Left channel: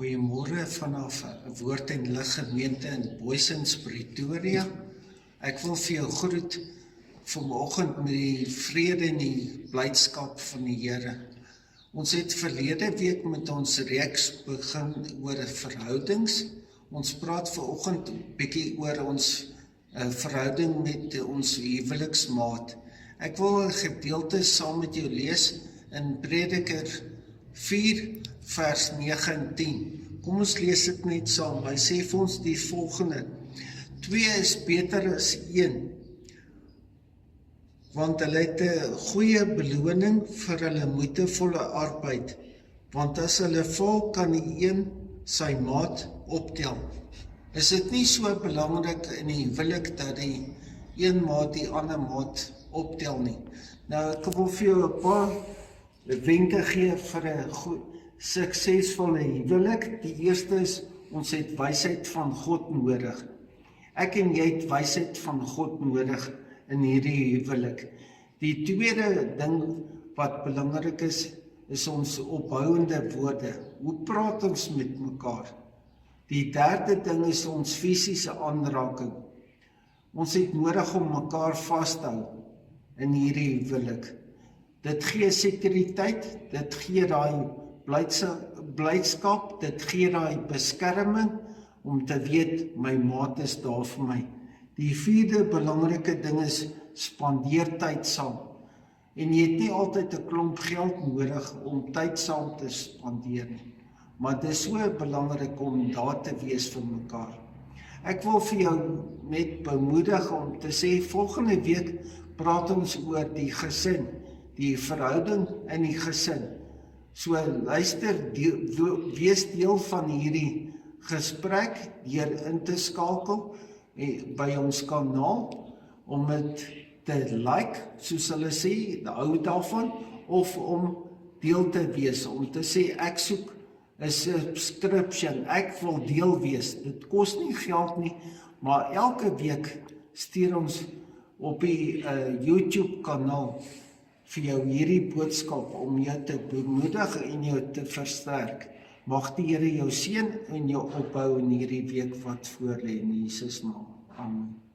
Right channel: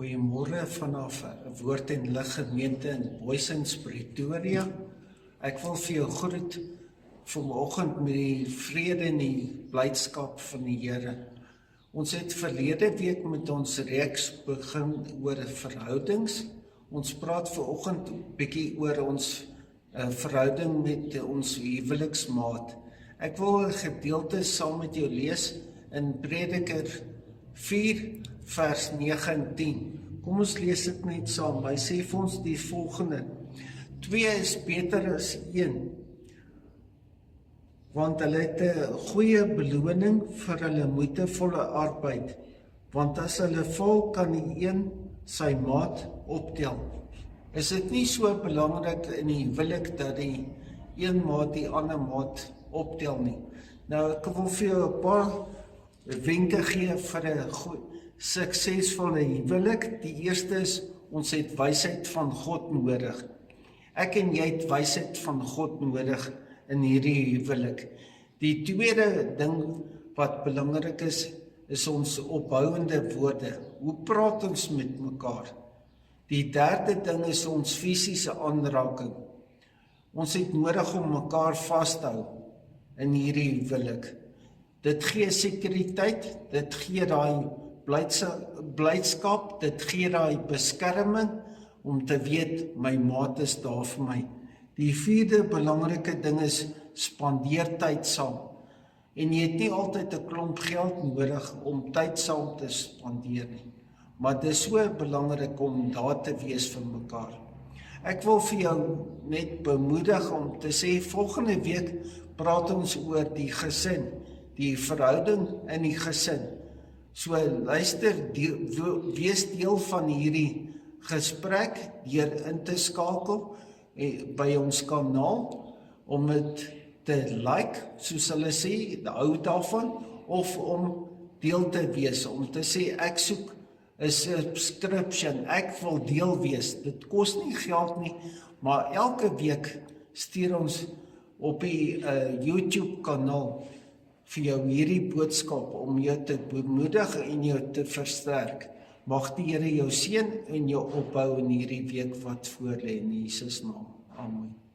Goeiemôre vanaf Woord en Lig gemeente in Booysens, Pretoria. Ek wil vir jou groet vanoggend met die vrede en die blydskap van die Here. Ons het verlede week met ons reeks begin oor verhoudings. Ons praat vanoggend 'n bietjie oor ons verhouding met ons huweliksmaat. Ek wil 'n gedeelte saam met jou lees in Prediker 4 vers 9 en 10. Kom ons lees dit net saam. Hy sê vir ons die volgende: 2 is beter as 1, want hulle het 'n goeie beloning vir hulle moeitevolle arbeid, want as hulle val, kan die een sy maat optel. Is dit nie so belangrik in die huwelik dat die een maat die ander maat optel nie? Nou, ek wil vir jou 'n paar wenke gee vir 'n suksesvolle huwelik. Die eerste is, ons het wysheid van God nodig. Ek en jy het wysheid van God nodig in hierdie huwelik. Die tweede ding wat belangrik is ons opbouende woorde. Hoe praat ons met mekaar? Die derde ding is ons fisiese aanraking. Ons het nodig om mekaar vas te hou in hierdie huwelik. Dit gee sekuriteit, dit gee daai blydskap, dit gee daai beskerming om te weet my maat is daar vir my. Die vierde belangrike ding is spandeer tyd saam. En jy het nie altyd 'n klomp geld nodig om tyd saam te spandeer nie, maar dit is so belangrik om daar te wees vir mekaar. Ek wil vir jou net bemoedig om te sê, volgende week praat ons oor die gesin, die verhouding in die gesin. So luister, wees deel van hierdie gesprek deur in te skakel by ons kanaal, om dit te like, soos hulle sê, hou daarvan, of om deel te wees, om te sê ek soek 'n subscription, ek wil deel wees. Dit kos nie geld nie, maar elke week stuur ons op die YouTube kanaal vir jou hierdie boodskap om jou te bemoedig en jou te versterk. Mag die Here jou seën en jou opbou in hierdie week wat voor lê in Jesus naam. Amen.